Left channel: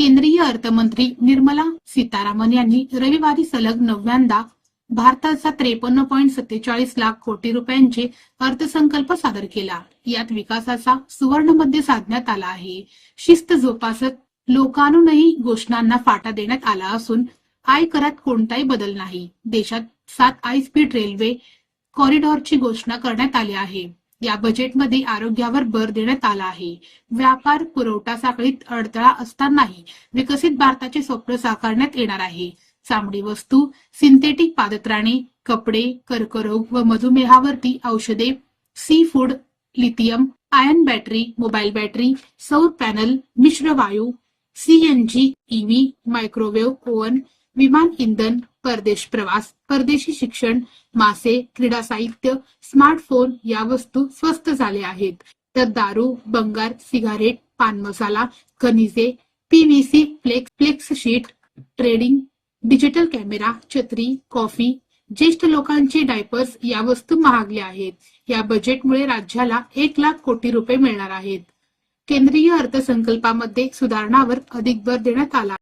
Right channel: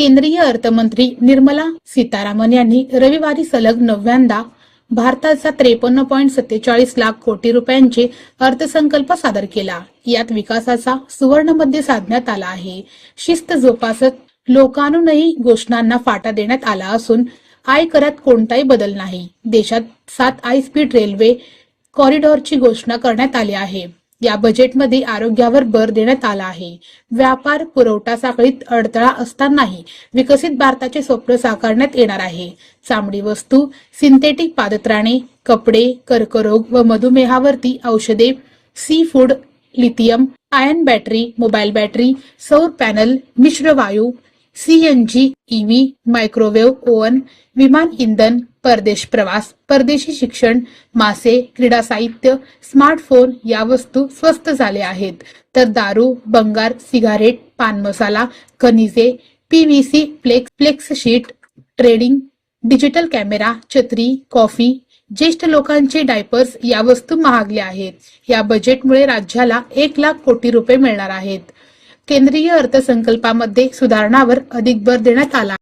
केंद्रीय अर्थमंत्री निर्मला सीतारामन यांनी रविवारी सलग 9व्यांदा भारताचा 53.47 लाख कोटी रुपयांचे अर्थसंकल्प सादर केला। यात विकासाचा सुवर्ण मध्य साधण्यात आला आहे। शिस्त जोपासत लोकांनाही घोषणांना फाटा देण्यात आला असून आयकरात कोणताही बदल नाही। देशात 7 हाय स्पीड रेल्वे कॉरिडॉरची घोषणा करण्यात आली आहे। या बजेटमध्ये आरोग्यावर भर देण्यात आला आहे। व्यापार पुरवठा साखळीत अडथळा असतानाही विकसित भारताचे स्वप्न साकारण्यात येणार आहे। चामडी वस्तू, सिंथेटिक पादत्राणे, कपडे, कर्करोग व मधुमेहावरती औषधे, seafood, lithium ion battery, mobile battery, सौर पॅनल, मिश्र वायू, सीएनजी, ईव्ही, मायक्रोवेव्ह ओव्हन, विमान इंधन, परदेश प्रवास, परदेशी शिक्षण, मासे, क्रीडा साहित्य, स्मार्टफोन या वस्तू स्वस्त झाल्या आहेत। तर दारू, भंगार, सिगारेट, पान मसाला, खनिजे, PVC, flex sheet, trading, digital camera, छत्री, कॉफी, ज्येष्ठ लोकांचे डायपर्स या वस्तू महागल्या आहेत। या बजेटमुळे राज्याला 1 लाख कोटी रुपये मिळणार आहेत। केंद्रीय अर्थसंकल्पामध्ये सुधारणांवर अधिक भर देण्यात आला।